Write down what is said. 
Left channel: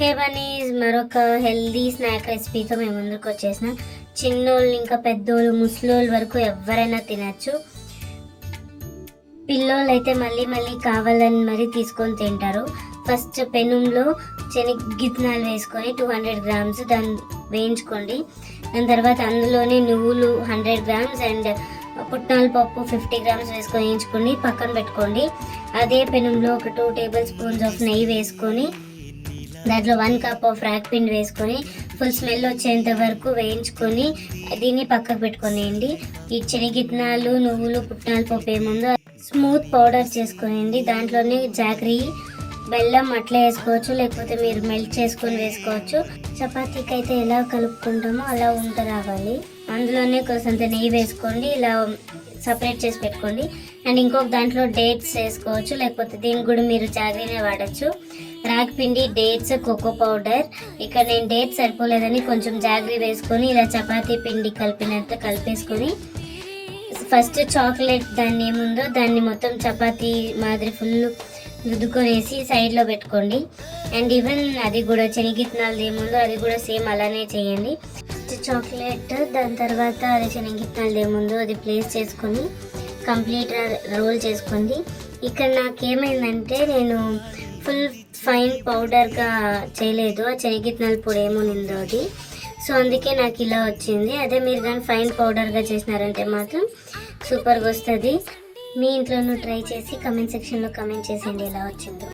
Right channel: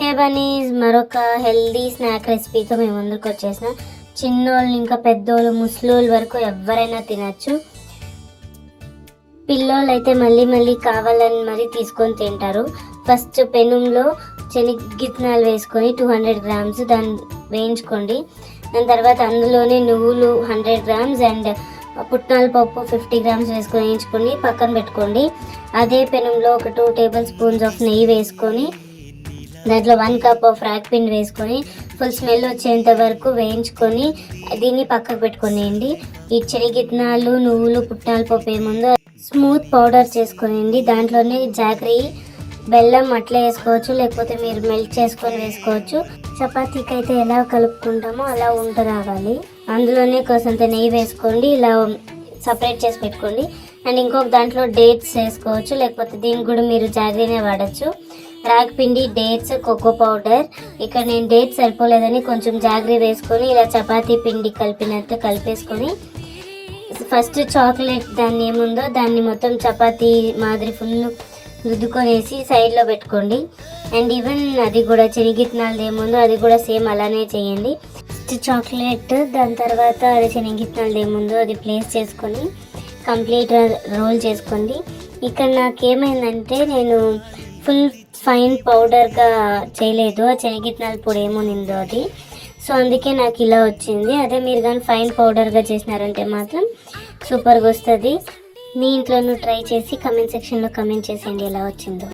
హే bunnies, మరొక healthy snack రెసిపీతో మేము ముందుకు వచ్చేసిన. చిన్నోళ్ళు ఇంకా పెద్దోళ్ళు ముసలోళ్ళు వరకు ఎవరైనా తినచ్చు. పిల్లోళ్ళు అయితే మళ్ళీ మళ్ళీ కావాలని మరీ తీసుకొని తింటారు. ఫస్ట్ పెనంలో శనగిత్తనాలు వేసుకొని 200 గ్రామ్స్ దాన్ని వేయించుకోండి. దాని తర్వాత అందులోనే నువ్వులు 100 గ్రామ్స్ అండ్ పుట్నాల పప్పు 50 గ్రామ్స్ వేసుకొని వేయించుకొని పక్కన పెట్టుకోండి. అదే పెనంలో ఒక 2 టేబుల్ స్పూన్స్ ఆఫ్ నెయ్యి వేసుకొని దాంట్లో 1 కప్ ఆఫ్ రాగి పిండి వేసుకొని ఫుల్ స్మెల్ వచ్చేంత వరకు వేయించుకొని దీన్ని పక్కకు పెట్టుకునేయండి. ఈ శనగిత్తనాలు నువ్వులు పుట్నాల పప్పు ఏముందో స్మూత్ పౌడర్ చేసుకునేయండి. దాంట్లోనే జాగరీ బెల్లం అట్లే వేసుకోవచ్చు, లేకపోతే మీరు మెల్ట్ చేసుకొని వేసుకోవచ్చు. చపాతీకి అయితే ఎలా కలుపుకుంటామో అలా ఉంట రావాలి. అందులోనే కొంత నెయ్యి వేసుకోండి, ఇలా సపరేట్ చేసి పెట్టుకోండి. అండ్ ఇంకొక దాంట్లో డేట్స్ వేసుకోవచ్చు, లేకపోతే దీనికి కూడా మీరు జాగరీనే వాడచ్చు. రాగి పిండి, డేట్స్, కోకో పౌడర్. ఇక్కడ నేను డేట్స్ సరిపోలేదని కొంచెం జాగరీ వేసుకొని ఇలా చపాతీ పిండి కలిపినట్లు కలిపేసుకొని ఫస్ట్ చాక్లెట్ దాన్ని ఏముందో దాన్ని మొత్తం చపాతీ మాదిరి ఫుల్ రుద్దుకొనేసి సైడ్లో పెట్టుకోండి. అండ్ ఈవెన్ అది కూడా శనగిత్తనాలు ఏముందో అది కూడా సేమ్ అలానే చేయండి. ఫస్ట్ చాక్లెట్, దాని తర్వాత అది శనగిత్తనాలు ఏముందో అది ప్లేస్ చేసుకొని కంప్లీట్ రోల్ చేసుకోండి. ఇక్కడ నాకేమైందంటే నేను ఫుల్ ఫైన్ పౌడర్గా చేయలేదు, ఆ శనగిత్తనాల పొడి ఏముందో అది. సో అందుకే నాకు ఇలా వచ్చింది. అదే మీరు కానీ ఫైన్ పౌడర్గా చేసినారంటే మాత్రం సూపర్గా వస్తుంది. మీ ఇంట్లోనూ ట్రై చేసి కమెంట్ సెక్షన్లో కమెంట్ చేసేయండి ఎలా వచ్చిందో.